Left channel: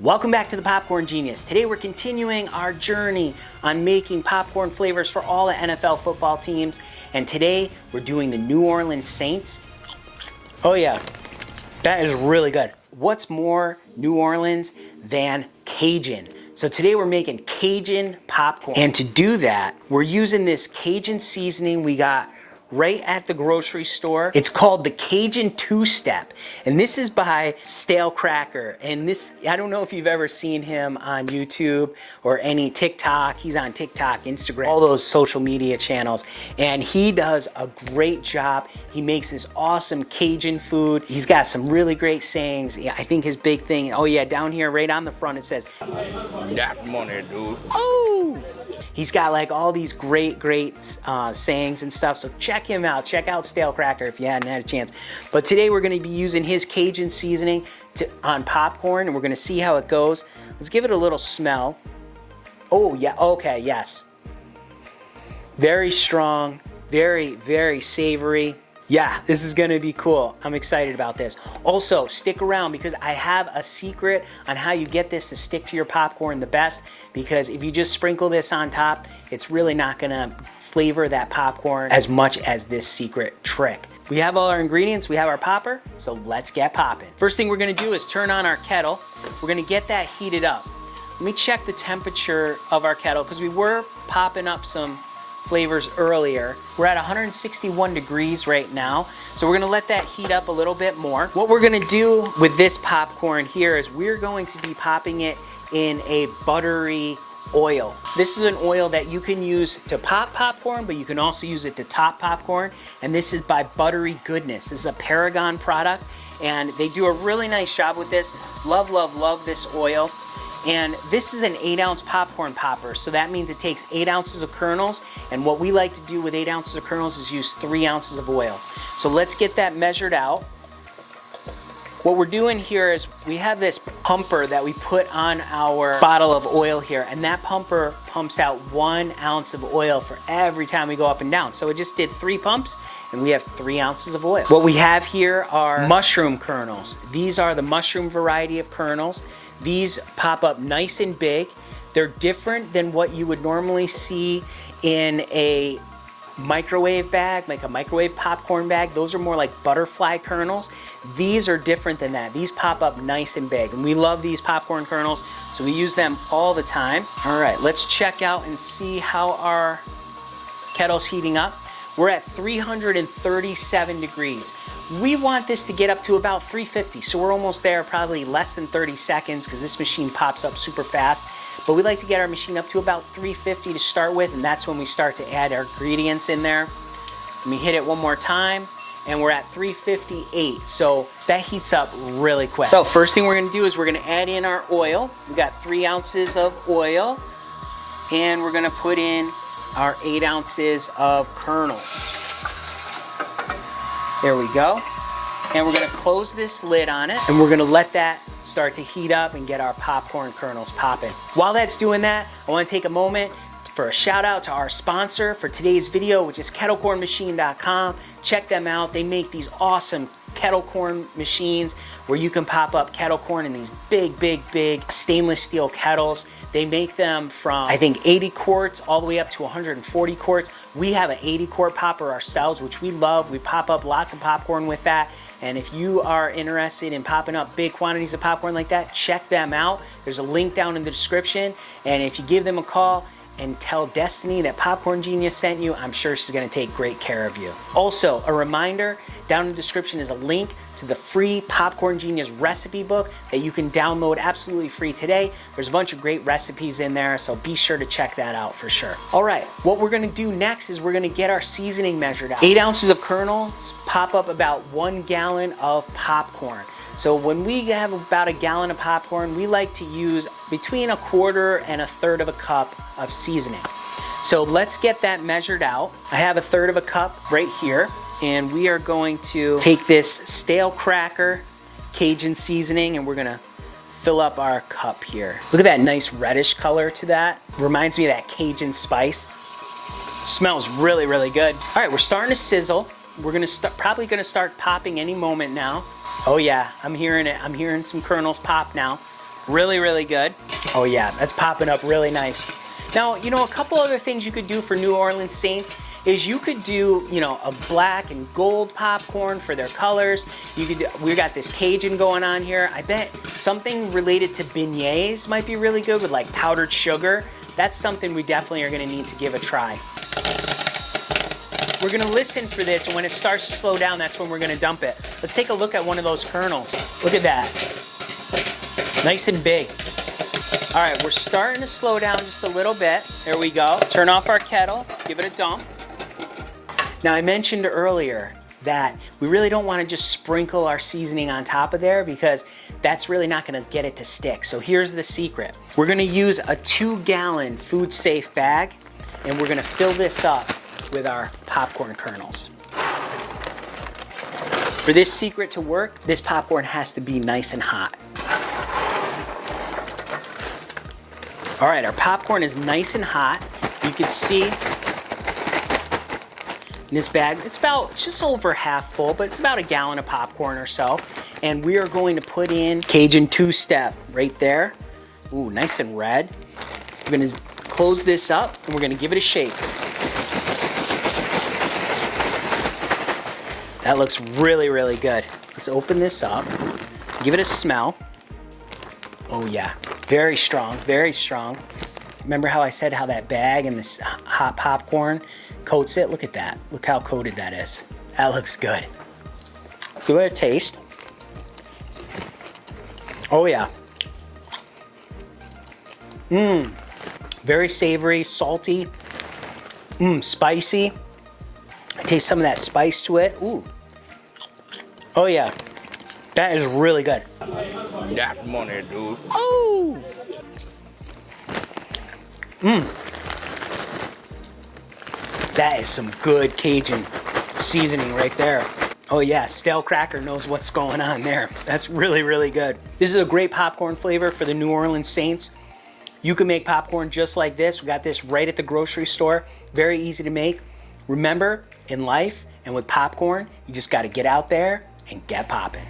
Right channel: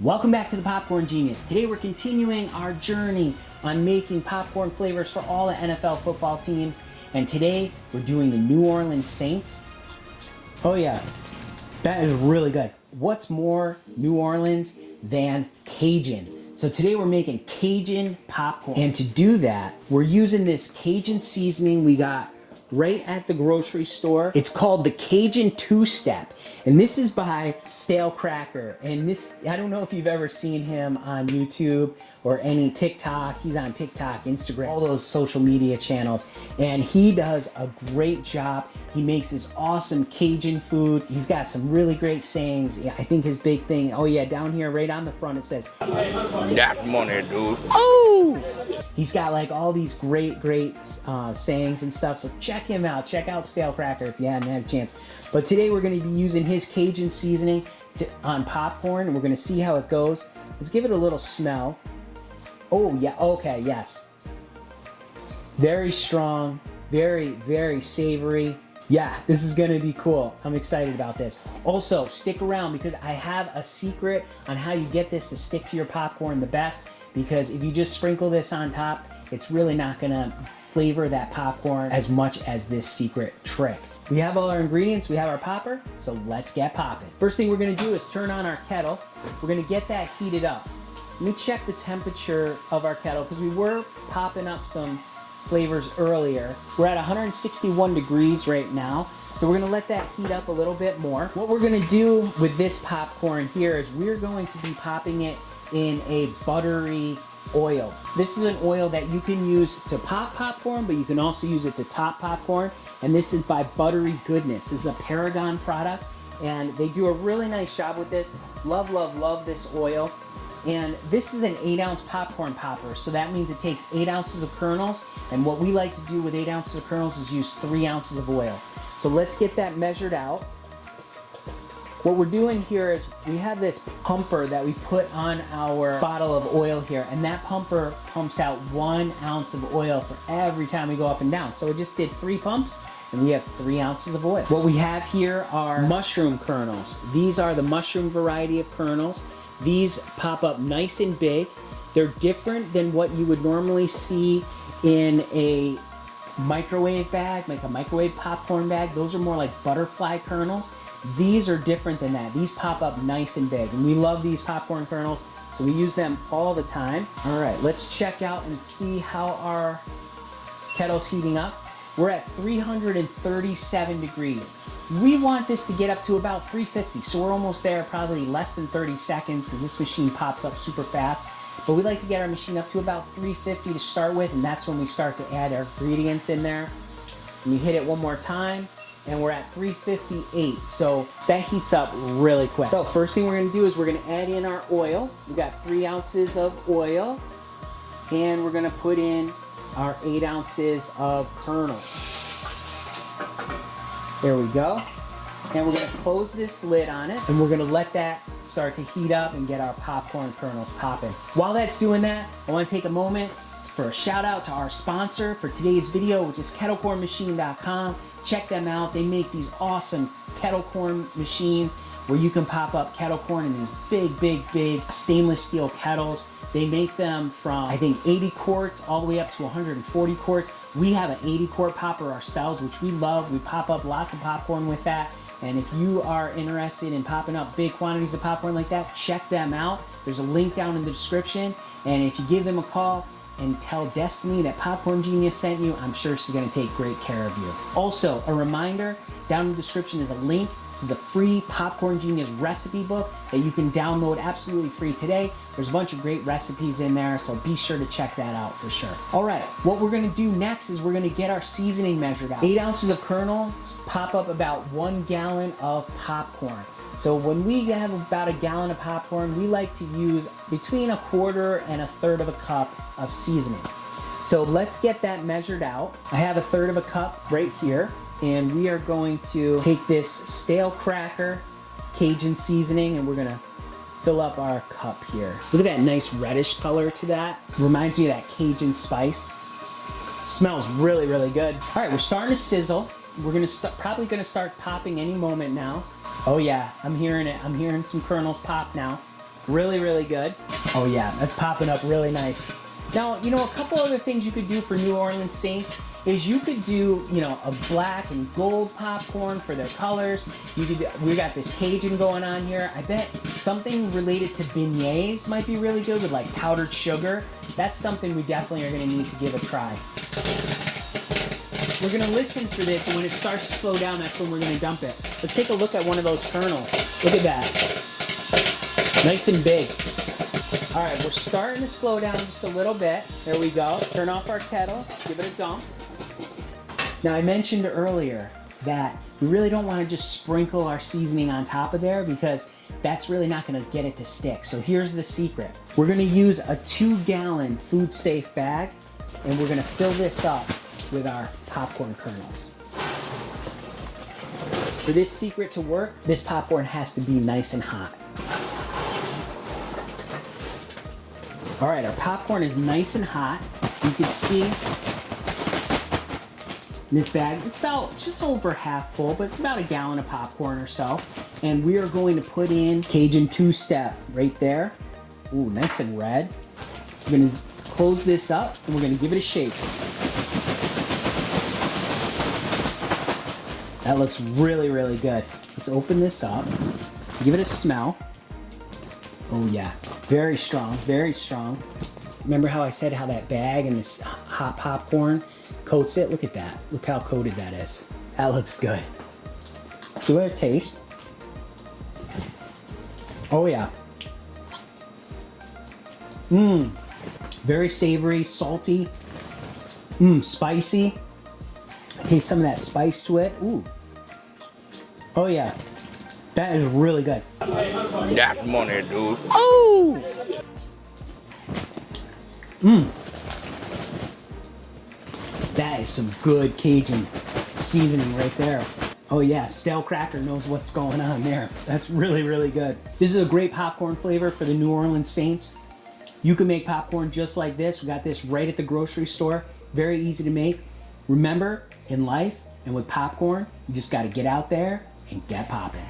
Welcome back to the Popcorn Genius. Today we're continuing our journey on making popcorn flavors for all the NFL football teams. And today we're doing the New Orleans Saints. Oh yeah, that is really good. What's more New Orleans than Cajun? So today we're making Cajun popcorn. And to do that, we're using this Cajun seasoning we got right at the grocery store. It's called the Cajun Two Step, and this is by Stalekracker. And this, I don't know if you've ever seen him on YouTube or any TikTok. He's on TikTok, Instagram, all those social media channels, and he does a great job. He makes this awesome Cajun food. He's got some really great sayings. Yeah, I think his big thing, oh yeah, down here right on the front it says, "That's money, dude." Oh! He's got like all these great sayings and stuff, so check him out. Check out Stalekracker if you hadn't had a chance. But today we're gonna be using his Cajun seasoning on popcorn, and we're gonna see how it goes. Let's give it a little smell. Oh yeah, okay, yes. Very strong, very savory. Yeah, this is gonna be cool. I'm excited about this. Also, stick around because I have a secret on how you get this to stick to your popcorn the best, because if you just sprinkle this on top, it's really not gonna flavor that popcorn as much as this secret trick. We have all our ingredients, we have our popper, so let's get popping. First thing we're gonna do is turn on our kettle. We're gonna get that heated up. Let me check the temperature of our kettle because we were popping up some flavors earlier. We're at 161 degrees right now, so we're gonna let that heat up a little bit more. What we're gonna do with this popcorn here is we're going to be popping it in a buttery oil. This is an oil that you can use to pop popcorn, but you can also use it to top popcorn, and this is by Buttery Goodness. This is a Paragon product, and they do a really nice job with this. Love this oil. And this is an 8-ounce popcorn popper, so that means it takes 8 ounces of kernels, and what we like to do with 8 ounces of kernels is use 3 ounces of oil. So let's get that measured out. What we're doing here is we have this pumper that we put on our bottle of oil here, and that pumper pumps out 1 ounce of oil for every time we go up and down. So it just did 3 pumps, and we have 3 ounces of oil. What we have here are mushroom kernels. These are the mushroom variety of kernels. These pop up nice and big. They're different than what you would normally see in a microwave bag, like a microwave popcorn bag. Those are more like butterfly kernels. These are different than that. These pop up nice and big, and we love these popcorn kernels, so we use them all the time. All right, let's check out and see how our kettle's heating up. We're at 337 degrees. We want this to get up to about 350, so we're almost there, probably less than 30 seconds because this machine pops up super fast. But we like to get our machine up to about 350 to start with, and that's when we start to add our ingredients in there. Let me hit it one more time, and we're at 358, so that heats up really quick. So first thing we're gonna do is we're gonna add in our oil. We got 3 ounces of oil, and we're gonna put in our 8 ounces of kernels. There we go. And we're gonna close this lid on it, and we're gonna let that start to heat up and get our popcorn kernels popping. While that's doing that, I wanna take a moment for a shout out to our sponsor for today's video, which is kettlecornmachine.com. Check them out. They make these awesome kettle corn machines where you can pop up kettle corn in these big stainless steel kettles. They make them from, I think, 80 quarts all the way up to 140 quarts. We have an 80 quart popper ourselves, which we love. We pop up lots of popcorn with that. And if you are interested in popping up big quantities of popcorn like that, check them out. There's a link down in the description. And if you give them a call and tell Destiny that Popcorn Genius sent you, I'm sure she's gonna take great care of you. Also, a reminder, down in the description is a link to the free Popcorn Genius recipe book that you can download absolutely free today. There's a bunch of great recipes in there, so be sure to check that out for sure. All right, what we're gonna do next is we're gonna get our seasoning measured out. 8 ounces of kernels pop up about 1 gallon of popcorn. So when we have about a gallon of popcorn, we like to use between 1/4 and 1/3 of a cup of seasoning. So let's get that measured out. I have 1/3 of a cup right here, and we are going to take this Stalekracker Cajun seasoning, and we're gonna fill up our cup here. Look at that nice reddish color to that. Reminds me of that Cajun spice. Smells really good. All right, we're starting to sizzle. We're probably gonna start popping any moment now. Oh yeah, I'm hearing it. I'm hearing some kernels pop now. Really, really good. Oh yeah, that's popping up really nice. Now, you know, a couple other things you could do for New Orleans Saints is you could do, you know, a black and gold popcorn for their colors. You could, we got this Cajun going on here. I bet something related to beignets might be really good with like powdered sugar. That's something we definitely are gonna need to give a try. We're gonna listen for this, and when it starts to slow down, that's when we're gonna dump it. Let's take a look at one of those kernels. Look at that. Nice and big. All right, we're starting to slow down just a little bit. There we go. Turn off our kettle, give it a dump. Now, I mentioned earlier that we really don't want to just sprinkle our seasoning on top of there because that's really not going to get it to stick. So here's the secret. We're going to use a 2-gallon food safe bag, and we're going to fill this up with our popcorn kernels. For this secret to work, this popcorn has to be nice and hot. All right, our popcorn is nice and hot. You can see in this bag, it's just over half full, but it's about a gallon of popcorn or so. And we are going to put in Cajun Two Step right there. Ooh, nice and red. We're gonna close this up and we're gonna give it a shake. That looks really, really good. Let's open this up, give it a smell. Oh yeah, very strong, very strong. Remember how I said how that bag and this hot popcorn coats it? Look at that, look how coated that is. That looks good. Give it a taste. Oh yeah. Very savory, salty, spicy. I taste some of that spice to it. Ooh. Oh yeah, that is really good. That's money, dude. Oh! That is some good Cajun seasoning right there. Oh yeah, stalekracker knows what's going on there. That's really, really good. This is a great popcorn flavor for the New Orleans Saints. You can make popcorn just like this. We got this right at the grocery store. Very easy to make. Remember, in life and with popcorn, you just gotta get out there and get popping.